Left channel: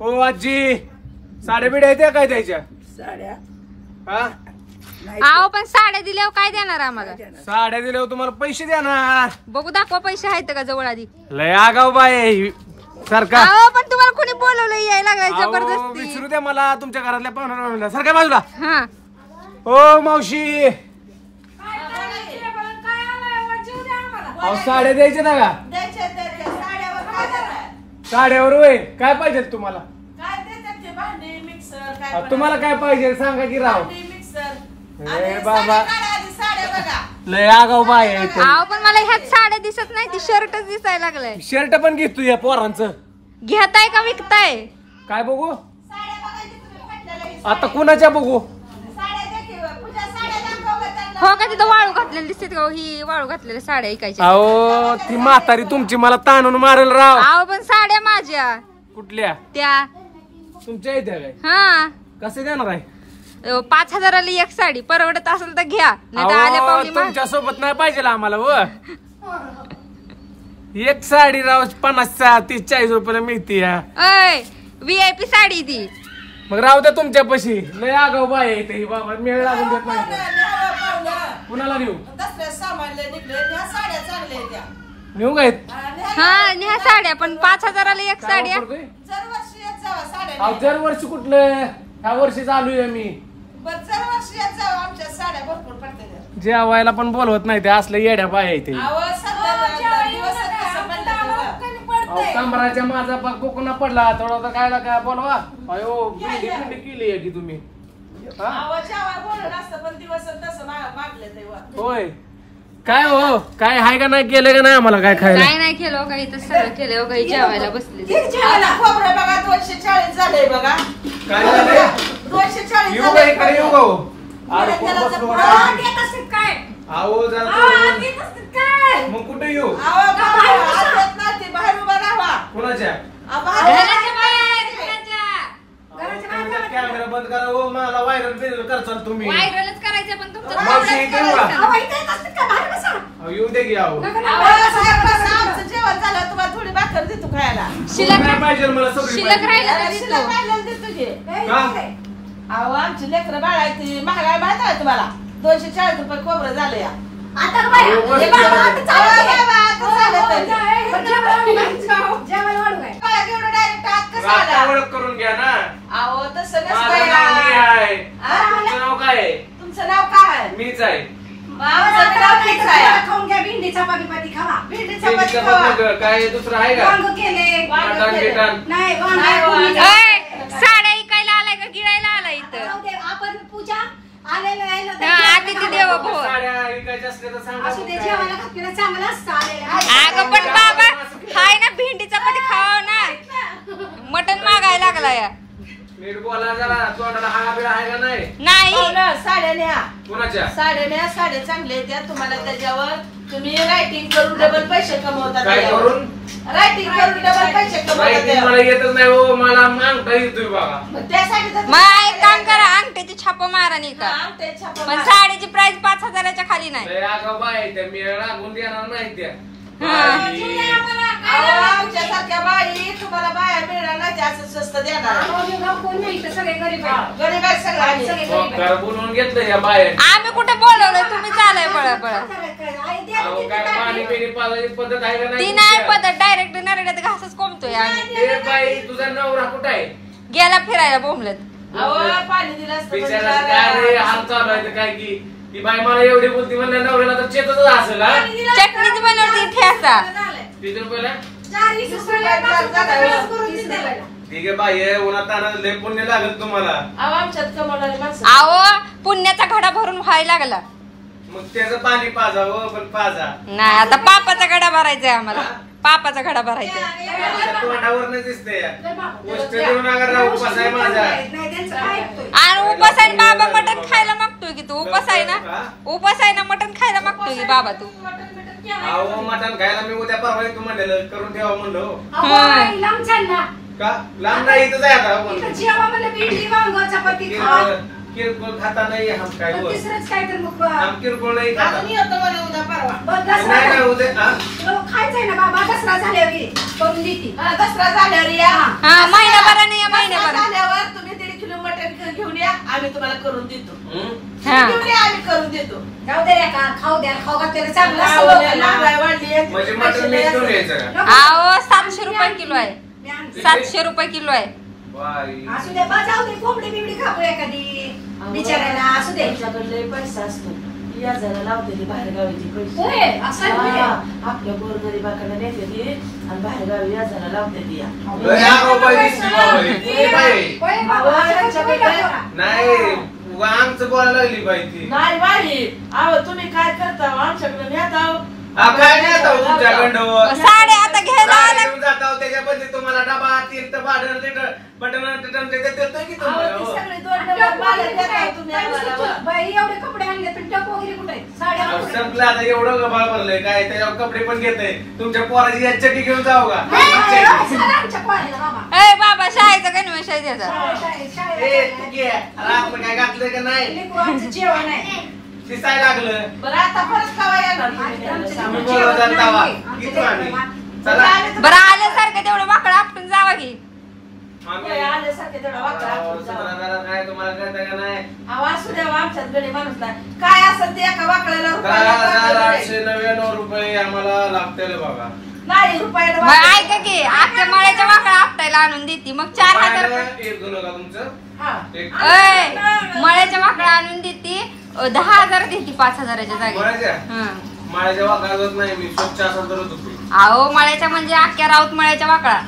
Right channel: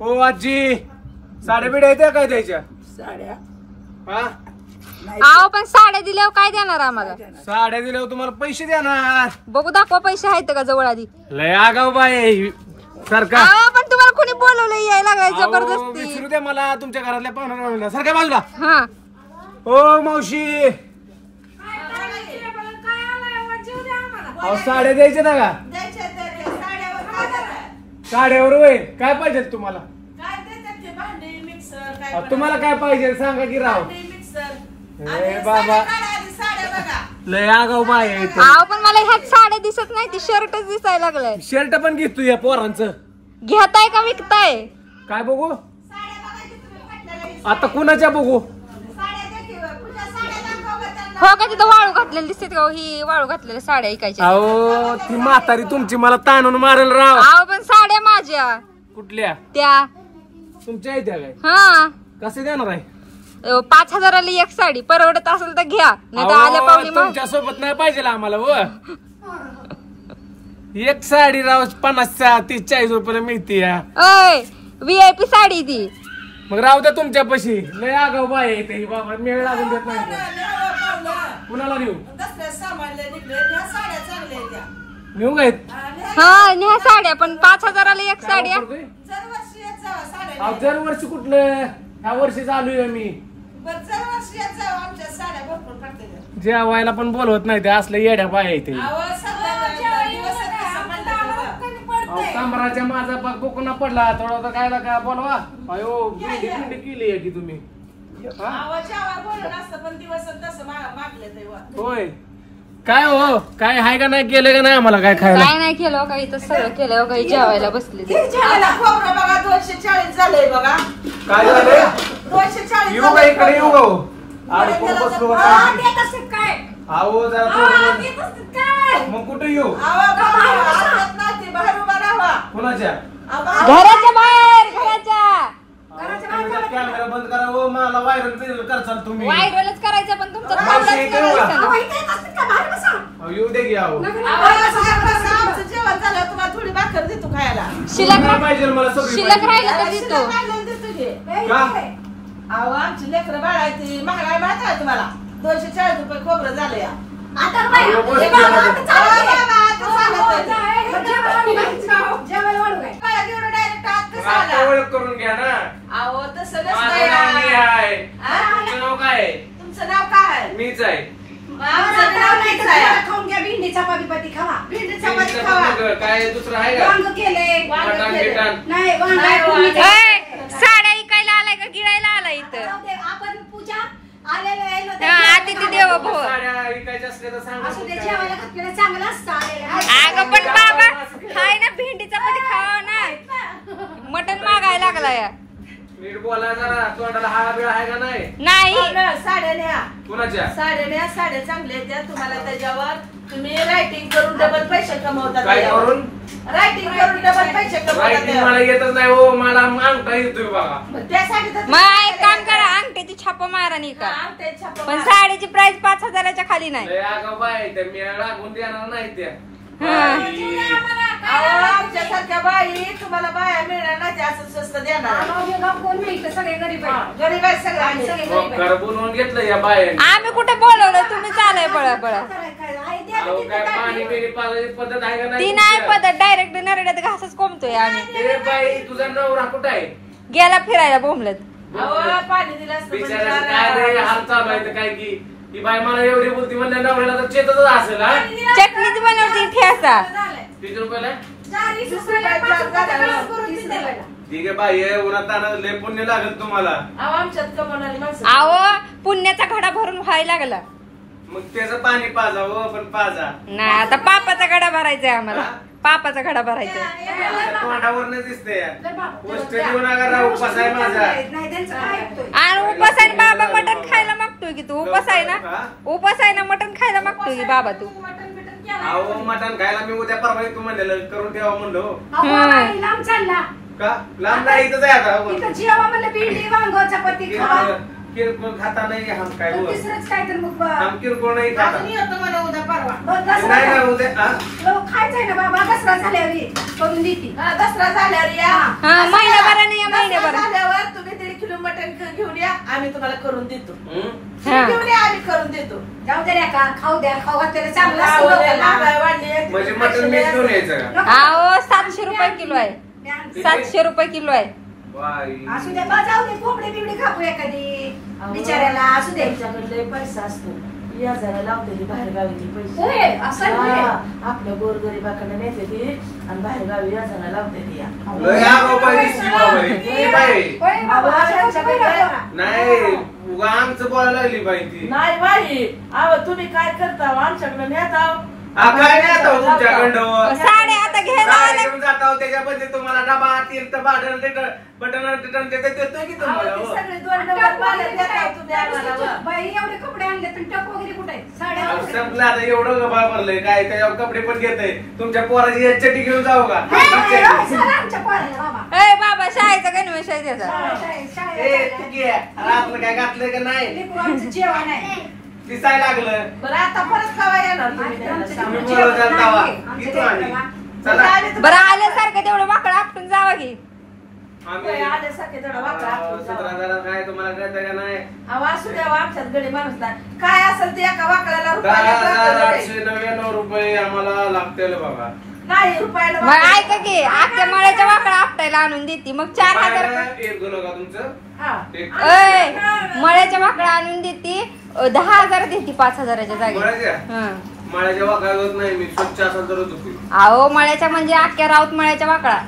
हो आजी साड्या बिड्या येत्या काय द्यायच्या साड्या हा आहो पण साड्या दिल्यावर काय देणार आम्हाला? साड्या दिल्यावर तुम्हाला पैसे देणार. बघू दाखवा पैसे आहेत का जवळ आधी. लय आगाव बाय सारखा. आहो पण तुम्हाला कोणी बोलवलं यायला लागलाय जबरदस्ती. विचारू द्या मला तुमच्या घरातल्या पाहुण्या सारख्या बाजूला. हा हो मावशी अहो साड्या द्यायच्या ना का? साड्यावर वय काय पाहिजे तुम्हाला? तुम्हाला काय पाहिजे सांगा की राव. बाबा लय आगाव बाय. आहो पण मला ह्यात साड्या दिसत नाही, ती शर्टच दिसायला लागलाय. शर्ट पण घेतो या पोरांचं. घेताय का विकताय? काय बघू आता कुणाच्या बघू? हो का तिथं वाळू घातलेली दिसते का? ही वाळू घातलेल्या साड्या ऐकायच्या. अहो ती म्हातारी तुमची मला ताणून मारेल राव. आहो पण साड्या माझ्या. कुठल्या? त्या तुमच्या इथे काय? हा कसे देणार आहे? 5,000ला एक साडी. परवडत असेल तर घ्या, नाही तर आल्या पाहुणे तुमच्या सोबत नाही पाहिजे आम्हाला. व एक साडी राव 50-40 रुपयाला मिळते. अय VIP साडी ती. मग राहू द्या तुमच्या पशी. लय आगाव बाय येते बाबा. मेळ लागून देत नाही. कुणाला नेऊ? नेऊ काय? हा न्या साड्या पण 5,000ला एक साडी. दरवर्षी कुठलं? ह्या वर्षी चालू आहे मी. जेवायला पण बोलवत नाही ते असलं येड्या बाय येते. कमराच्या माझा कोकणा पडला थोडा तर काय ना काय बोलवा. अयो पिंडी केली आहे की तुम्ही. होय काय हो काय आहे का नाही केलं का नाही आम्हाला काय खायला? काय नाही केलं काही तर सगळं केलं काही जेवायला बसले. 240 झालंय बघा. काय झालंय? 240 येऊ काय इकडे येऊ गो. अहो जरा मग कुठे येऊ? बाहेर उभा राहा. कुणाच्या? घराच्या बाहेर. कॅमेरा बंद करा. हो मला व्हायरल करचाल तुम्ही. व्हायरलच करायचं पण तुमचं येऊ दे की. अहो जेवण झालं तुम्हाला थोडी भाकर देतो खायला. शिल्लक पाहिजे मला सगळी शिल्लक राहिलं तर देतो. अहो आमची लेकरं बाळायची महागाई माहित आहे तुम्हाला. 240 रुपये खोबरं झाले. ओळख करून घ्या ना. अहो तसं माझं नाव मी आहे. नसतं. तुमचं नाव काय आहे? तुमचं नाव काय? मीच आहे. भेंडी चपाती खावा. भेंडी चपाती खावा. मग काय दुसरं आहे का? मटण बिटण? साड्या इकायला आलाय का गिळायला आलाय इथं? आपण पूजा आलेलं आहे ना. अतिथी देवो भव. साड्या विकायच्या असल्या तर सांगा. अगं पण बाबा हाय ना भेंडी चपाती खावा ना. मटण मागायला लागलाय. नीट बोला जरा. तोंडाला हा बिळ आहे का नाही? नाही. साड्या न्या. कुणाच्या? साड्या न्या. साड्या चांगल्या आहेत तुम्हाला. त्याच्यावर तुम्ही रायटिंग करून डबल पैसे कमवता. काय करून? रायटिंग करून डबल पैसे कमवता. मला येतच नाही हो. मला अंगठा येतोय बघा. त्यासाठी मग एक काम करा अंगठ्याची छाप मारा नाही का. पण साडीची प्राइस 5,000च्या खाली नाही. मी लागून देणार नाही त्या. आमच्यासारख्या बाई तुम्हाला बाया मिळणार नाही. असं स्वस्त देणार. गरीब आहेत सगळे. बोलवून घेतलं या बाया. आम्ही कुठे बोलवलं तुम्ही चालाय पळा पळा. पाणी पिणी पाजायची पद्धत आहे का ती नाही पद्धत. डायरेक्ट नरड्यात घासच कोंबतोय आम्ही. बाई तुझा नवरा कुठं आहे? गेला फिरायला बोंबलत. पाणी दिलं बिचारा काय हाल चालू आहे काय की ती बाई मला एवढी बोलती म्हणल्या नवऱ्याला तर चेतच असेल. चटणीच बनवती ठेसा. 30 रुपयाला रुपये. ठीक आहे बाई उन्हात तानात लय पुण्य लागत तुम्हाला. आमच्यात कमवणारी माणसं. अहो पुण्याचा घडा भरून व्हायला लागला. मग त्याचं पाणी पाजावं पण पाजा नाही. आता पापाचा घडा भरायचाय आम्हाला. पापाचा घडा भरायचा. तोंडावर नाही दिसते. गोष्ट देऊ नका राव. उपास आहे माझा. आणि उपास आहे बाबा मटण खायला मागतोय की तू. उपास आहे ना. उपास आहे ना मटण खायला मागतोय की बाबा तू. अहो मटण खायला मी उद्या परवा येतो म्हणलेलं. करून ठेवा म्हणलो. का लांब नाही इथं जाय आता. किरकोळ खाता नाही. हम काय हम किरकोळ नाही खाता. नाही नाही उद्या खायचंय ना बाबा. दसरा झाल्यावर करून देते. दसरा झाल्यावर या. महिनाभराने आम्ही तुम्हाला करून देतो. हा. एवढे आम्ही करून देतो. जाऊ दे रे का खाऊ द्या खाऊ घातलेलं चांगलं असतं महागाई लोकांना. वाढली. म्हणजे मटण मीच घेऊन यायचं का? अहो 700 रुपये किलो आहे. 700 रुपये किलो आहे. बाई. असू दे बा जाऊ दे कोंबडी बिबडी खाऊ एखादी बिचाऱ्याला असू दे. त्यांच्याकडे लय पैसा असतो. या जरा लावलेली बाहेर गावीची पैसे. होय, असं आहे होय. आपल्या गोरगरिबाकडे नेते ती आणि बाहेर गावी या जरा लावते ती. लय आगाऊ बाई दिसती बाबा ही. ती बाई. होय बाबा, असं काय करा. नाही उगा आमचं बोलायला लागली बाई ती. नाही बाई, अहो तुम्ही काय करता आमच्याकडे नेता. काय नाही आता तुमच्याकडं. साडे आता घ्यायला आला. घेऊन जाता त्याच्यामध्ये तुम्हाला डबा तीर्थ भाडण बटन देतो की तुम्हाला हो. सगळे दोन डबे पाण्यात टाका तुम्ही आम्हाला. बाई एवढे कपडे आणले पण टप वगैरे कुठे आहेत? साड्या अहो, वगैरे. संपलं आता एवढं वापरलंय काय त्याच्यावर कपडे पण घेतय. तुमच्या पोराची एक चटी घेऊन जाऊ का? नाही, नाही, नाही, सगळं आमच्या पोराला बाबा. ए बाबा शाळेचा गणवेश आहे त्याचा. शाळेला ए, चाललंय. तू घे. अरे आपलं काय घातलंय का नाही लेकरू आमचं जेवण आहे. दिसायला लागलं. बरं आता परत खावा येणार तुम्ही आमचं आम्ही जेवण बरोबर नाही. जावा. आमच्या किती आम्ही? लेकराला. चला. बरं आल्यासारखं तेवढं वाकडं आपटून जावा की. आम्ही आल्यासारखे तेवढं वाकडं आपटून जावा. 17,000 काय तुम्हाला कळतं का नाही? अहो, असू द्या आमच्यात गडी माणूस नाही. काय असेल ते एका वाकड्याला रुपयाला करतो गडे. 10,899 रुपये आम्हाला लागतील बघा. नाही रुपयाला मग ऐका की आजच्या मळ्याच्या वाकडा आपटायला आणून देते मग 4,000 रुपये. एक गुन्हा का तुमचं? हा. एक ऐ मळ्याच्या वाकडा आणून देते 10,000 देते 5,000च्या जागी. मळ्याच्या? हं. माझ्या वाकाळत नाही मी स्वच्छ असं धरत होतो. अहो मळ्याच्या म्हणजे अख्ख्या राऊत मळ्याच्या वाकडा.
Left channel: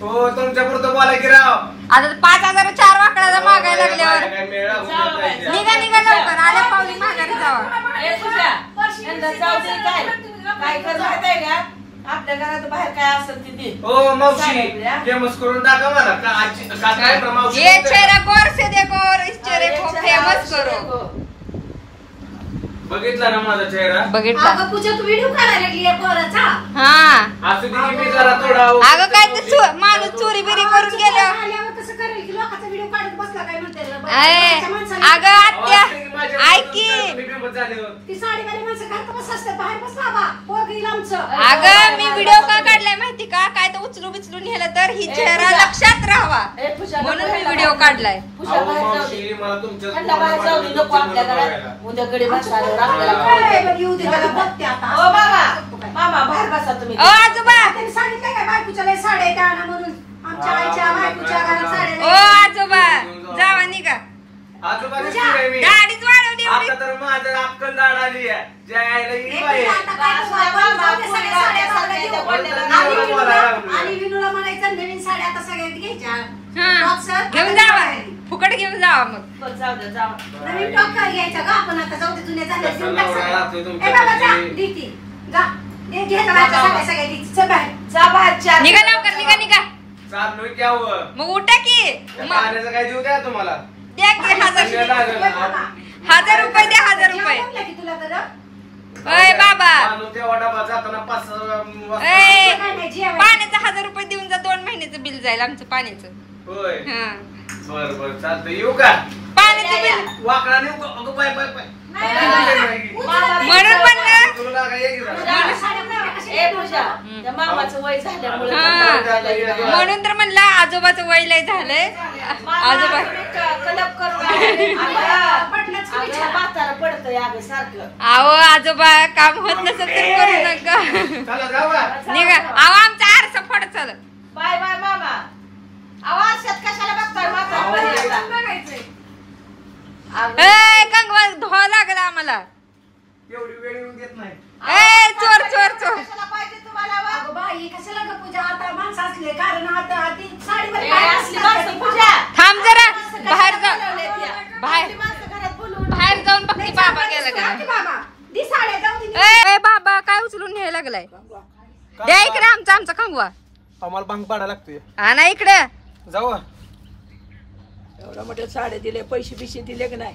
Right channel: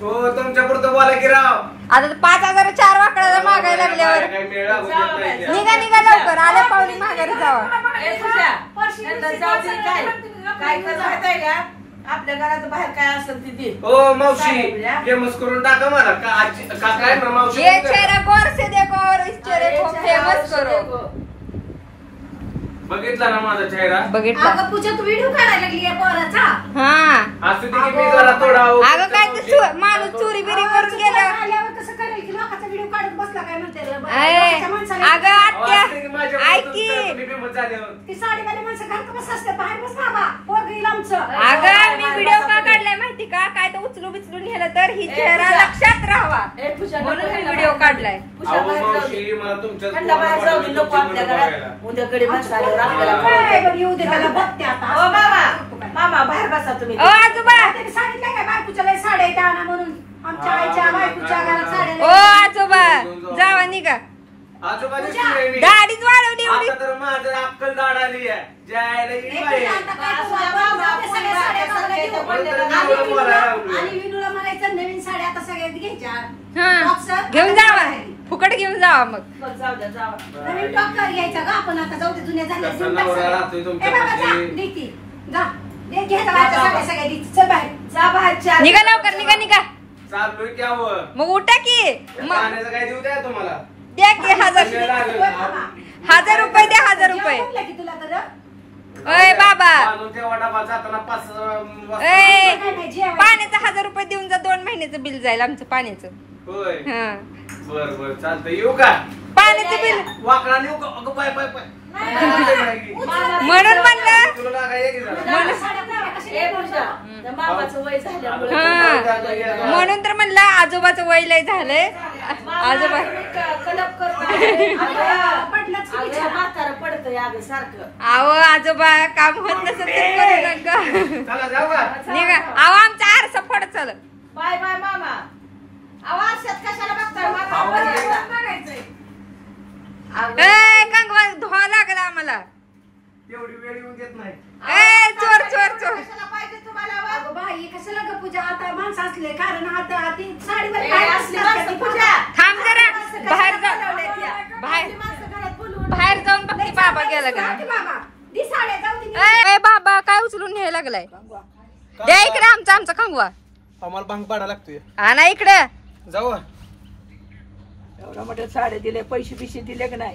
हो तुमच्या पुरतं बोला की राव. आता 5,000 4 वाकडाला मागायला लागल्यावर काय मेळा होत नाही. निघा निघा लवकर आल्या पावली माघारी जावा. ए, तुझ्या. यांना जाऊ दे काय. काय कर माहित आहे का आपल्या घरात बाहेर काय असेल ते दे. हो मावशी फेमस करून टाका मला का आजी का काय मावशी ये चेहरा गौर से देखो और इस चेहरे को फेमस करो. बघितला ना माझा चेहरा? बघितला. अगं पूजा तू व्हिडिओ काढायला लागली आहे पोराचा. हा असं किती मी जरा थोडा अगं काय ते माणूस चोरी बिरी करून गेलं. आल्यावर कसं करेल की लोकांचा व्हिडिओ काढत बसला काय म्हणते रे? ऐ, लोकांच्या माणसाला- अगं आत्या ऐक की मी फेमस झाल्यावर. ती साडीवाली माणसं घरात कसं असते बाहेर बस बाबा पोरग येईल आमचं. अगं मी व्हिडिओ का काढलाय माहिती का काय तर उचलू बिचलून नेलं तर ही चेहरा लक्षात राहावा ए, पूजा, म्हणून नको मी यायला. व्हिडिओ काढलाय. पूजा अहो बाहेर जाऊ दे. मावशी मला तुमच्या थंड बाहेर जाऊ दे नको आपल्या घरात. उद्या गडी बस आल्यावर आपल्याला काय कळतं. बरं येऊ दे त्याला बघते आता. ओ मामा मामा बाहेर बसा तुम्ही. ओ आजोबा त्याने सांगितलं काय बायकोच्या लय साड्या आहेत आणा म्हणून. आमच्या आईच्या बायकोच्या घरात साड्या ओ नाही. आजोबा जावा निघा. आजोबाची पूजा, शिवाय मी. दाढीच वाढवली एवढी. आता तर माझं अक्कल दाढ आली आहे. ज्यायला मी एक बाई. आता काय करू आपण? जाऊ दे सगळ्या साड्या आम्हाला देऊ. आणि विनूला म्हणायचं नवीन साड्या आता सगळ्यात घ्यायच्या. हा घेऊन जावा फुकट घेऊन जावा मग. बघ, जाऊ द्या जावा. नवीन टॉकर घ्यायचा का आपण आता जाऊ दे जुन्या झाल्या घेऊन टाक नवरा सगळ्या. लागतो ए तुमच्या बाबा जा घरी. देती. जा दे घ्यायचा बाहेरच्या साड्या सगळ्या देती. चल बाहेर. जा बाहेर चार. निघा लवकर निघा निघा चाललोय की अहो. मग उठा की मग पाण्याचं काय देऊ द्या तुम्हाला? द्या की 1,000 वेळ लागेल. 1,000 रुपये द्या 1,000 रुपये. जेवण म्हणलं की तुला तर अय बाबा आणून ठेवा डबा जाताना 5 ए काय नाही जेवण. पाण्याचं 1,000 रुपये देऊन जा 2 महिन्याचं बिल जाईल आमचं पाण्याचं. होय हा बर बर चालतंय येऊ का? पाण्याचं बिल वाकडा नेऊ का? अगं पाय पाय पाय म्हणून म्हणलं तुला काय ये की जरा? जेवण साड्या नाही कशी ए पूजा त्या मामाचं वय झाल्यामुळे हा म्हणून तर म्हणलं आजोबाचं वय लय झालंय. आजोबा कलप कर पटलंच की विचार. म्हातारा पडतंय अगं सारखं. अहो आजोबा काम होत नसेल तर करू नका. चला जाऊ का? निघा अहो आमचा आरसा फड चल. बाय बाय मामा. आवाज शेत कशाला बघताय आवाज म्हातारा? येतोय. बघायचंय. अगं, ए कंगवा धुवा लागला आम्हाला. एवढी वेळ येऊन देत नाही. ए चोर चोर चोर. कशाला पाहिजे तुम्हाला व? अगं बाई कशाला ग पूजा आता माणसं असले कारण आता ती साडीवर ए, बाहेर असली असतात माणसं ती पूजा. थांब जरा बाहेर जा बोलवलेत या. बाहेर. असली माणसं घरात बोलवून बाहेर जाऊन लय बघती बाबा चांगलं गेला दिसतं का हा ती बाबा. ती साड्या जाऊ दे. ए बाबा काय उचलून न्यायला लागलाय. द्या इकडे आमचा आमचा कंगवा. आम्हाला भांग पाडा लागतोय. आणा इकडे. जाऊ मोठे साडे दिले पैसे बिशे दिले की नाही.